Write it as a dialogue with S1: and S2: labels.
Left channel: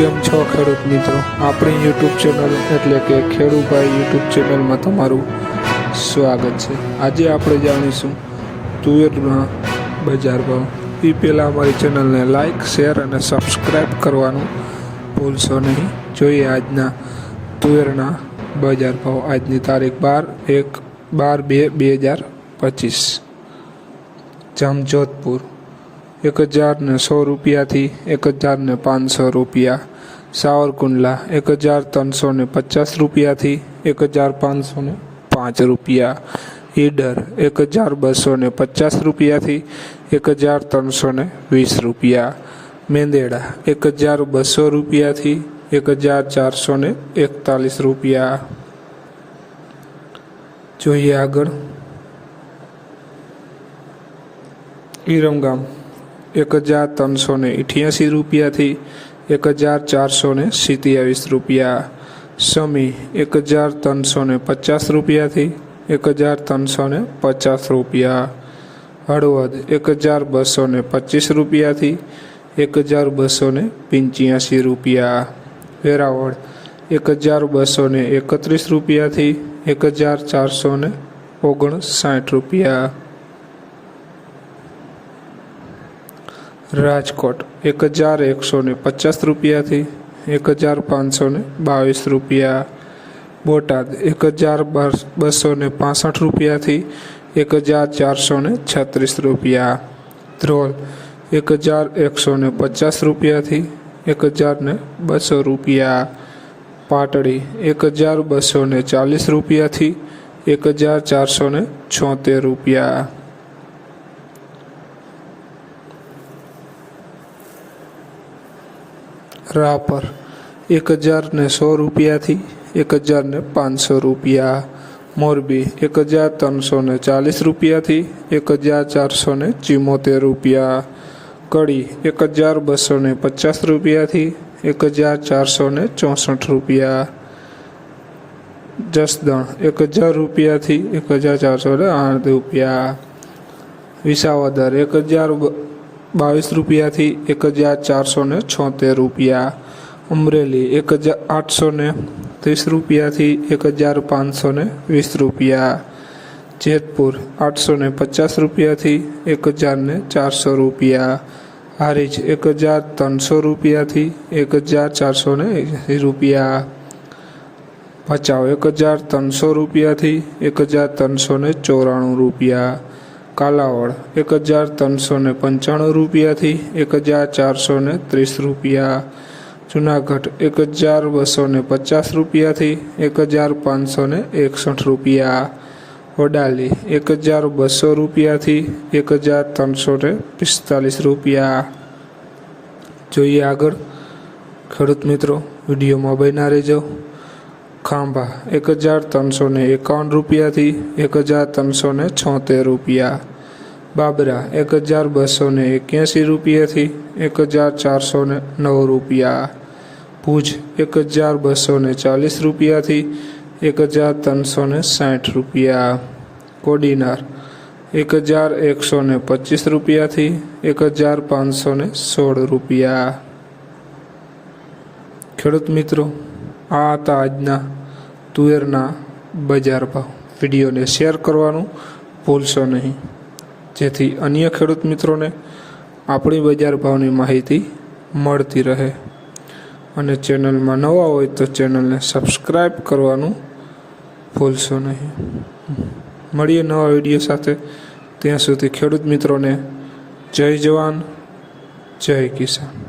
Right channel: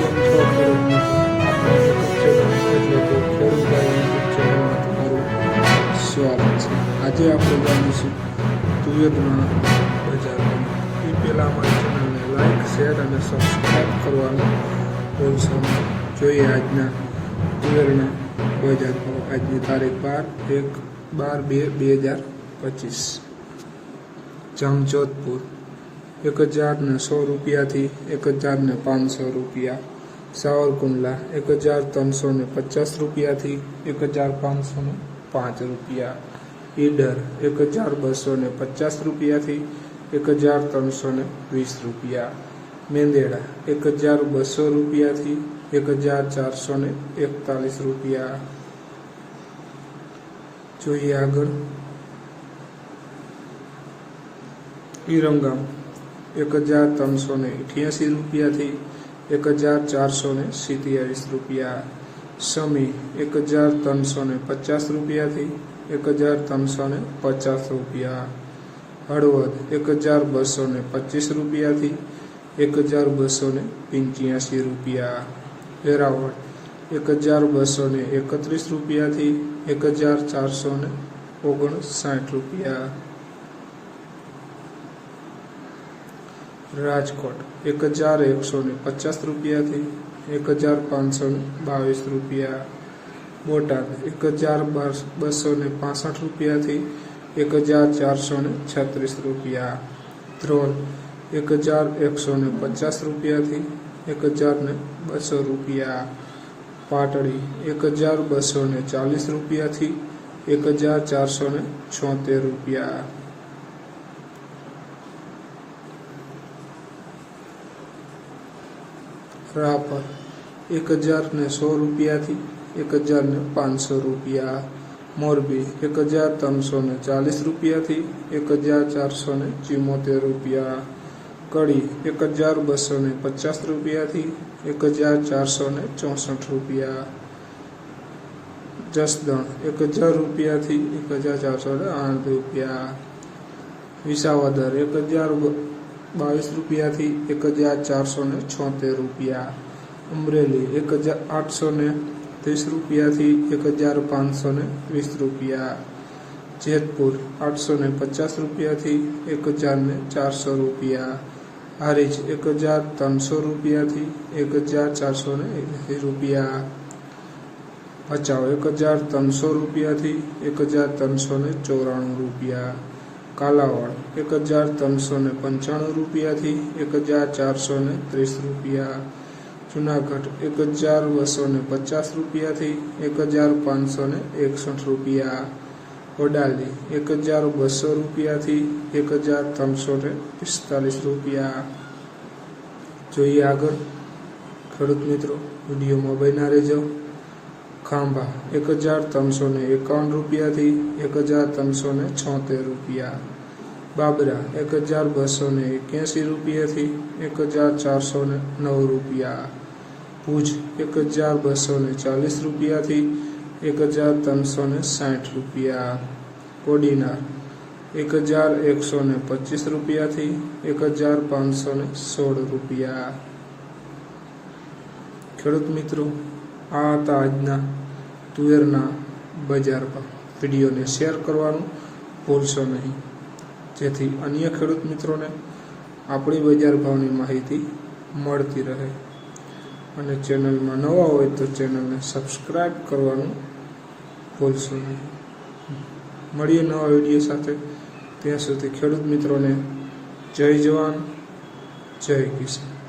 S1: કેમ છો ખેડૂત મિત્રો? આપણી યુટ્યુબ ચેનલ એટલે કે ખેડૂભાઈ યુટ્યુબ ચેનલમાં તમારું સ્વાગત છે. આજે આપણે જાણીશું તુવેરના બજાર ભાવ. એ પહેલાં અમારી ચેનલને લાઈક શેર અને સબસ્ક્રાઈબ કરવાનું ભૂલશો નહીં. જોઈએ આજના તુવેરના બજાર ભાવ. આજની તારીખ બાર એક બાર બે બે હજાર પચીસ. જામજોધપુર. એક હજારને સો રૂપિયાથી એક હજારને પાંચસો રૂપિયા સાવરકુંડલા એક હજાર ત્રણસો ને પચાસ રૂપિયાથી એક હજાર પાંચસો ને પાંચ રૂપિયા. ઈડર એક હજાર બસો ને પચાસ રૂપિયાથી એક હજાર ત્રણસો ને વીસ રૂપિયા. મેંદેડા એક હજાર બસો રૂપિયાથી એક હજાર ચારસો ને એકતાલીસ રૂપિયા. જોઈએ આગળ. ઈરમગામ એક હજાર ત્રણસો ને રૂપિયાથી એક હજાર ચારસો ને સિત્યાવીસ રૂપિયા, સમી એક હજાર ત્રણસો ને પચાસ રૂપિયાથી એક હજાર ત્રણસો ને પચાસ રૂપિયા, હળવદ એક હજાર બસો ને પચીસ રૂપિયાથી એક હજાર બસો ને પંચ્યાસી રૂપિયા, વેરાવળ એક હજાર બસો ને એકત્રીસ રૂપિયાથી એક હજાર ચારસો ને ઓગણસાઠ રૂપિયા રાજકોટ, એક હજાર એકસો ને પચાસ રૂપિયાથી એક હજાર પાંચસો ને બાવીસ રૂપિયા. બોટાદ, એક હજાર બસો ને પાસઠ રૂપિયાથી એક હજાર ચારસો ને છત્રીસ રૂપિયા. ધ્રોલ, એક હજાર એકસો ને પચાસ રૂપિયાથી એક હજાર ને બસો રૂપિયા. પાટડી, એક હજાર બસો ને ચાલીસ રૂપિયાથી એક હજાર ચારસો ને છોતેર રૂપિયા. રાપર એક હજાર ને સો રૂપિયાથી એક હજાર ને પાંચસો રૂપિયા. મોરબી એક હજાર ત્રણસો ને ચાલીસ રૂપિયાથી એક હજાર ચારસો ને ચિમોતેર રૂપિયા. કડી એક હજાર બસો ને પચાસ રૂપિયાથી એક હજાર ચારસો ને ચોસઠ રૂપિયા. જસદણ એક હજાર રૂપિયાથી એક હજાર ચારસો ને આઠ રૂપિયા. વિસાવદર એક હજાર બાવીસ રૂપિયાથી એક હજાર ચારસો ને છોતેર રૂપિયા. અમરેલી એક હજાર આઠસો ને ત્રીસ રૂપિયાથી એક હજાર પાંચસો ને વીસ રૂપિયા. જેતપુર આઠસો ને પચાસ રૂપિયાથી એક હજાર ને ચારસો રૂપિયા. હારીજ એક હજાર ત્રણસો રૂપિયાથી એક હજાર ચારસો ને રૂપિયા. ભચાઉ એક હજાર ત્રણસો રૂપિયાથી એક હજાર ત્રણસો ને ચોરાણું રૂપિયા. કાલાવડ એક હજાર ત્રણસો ને પંચાણું રૂપિયાથી એક હજાર ચારસો ને ત્રીસ રૂપિયા. જુનાગઢ એક હજાર બસો ને પચાસ રૂપિયાથી એક હજાર પાંચસો ને એકસઠ રૂપિયા. વડાલી એક હજાર બસો રૂપિયાથી એક હજાર ત્રણસો ને પિસ્તાલીસ રૂપિયા. જોઈએ આગળ. ખેડૂત મિત્રો વિડીયોમાં બન્યા રહેજો. ખાંભા, એક હજાર ત્રણસો ને એકાવન રૂપિયાથી એક હજાર ત્રણસો ને છોતેર રૂપિયા. બાબરા, એક હજાર બસો ને એક્યાસી રૂપિયાથી એક હજાર ચારસો ને નવ રૂપિયા. ભુજ, એક હજાર બસો ને ચાલીસ રૂપિયાથી એક હજાર ત્રણસો ને સાઠ રૂપિયા. કોડીનાર, એક હજાર એકસો ને પચીસ રૂપિયાથી એક હજાર પાંચસો ને સોળ રૂપિયા. ખેડૂત મિત્રો આ હતા આજના તુવેરના બજાર ભાવ. વિડીયોને શેર કરવાનું ભૂલશો નહીં. જેથી અન્ય ખેડૂત મિત્રોને આપણી બજાર ભાવની માહિતી મળતી રહે. અને ચેનલમાં નવા હોય તો ચેનલને સબસ્ક્રાઈબ કરવાનું ભૂલશો નહીં. મળીએ નવા વીડિયો સાથે. ત્યાં સુધી ખેડૂત મિત્રોને જય જવાન, જય કિસાન.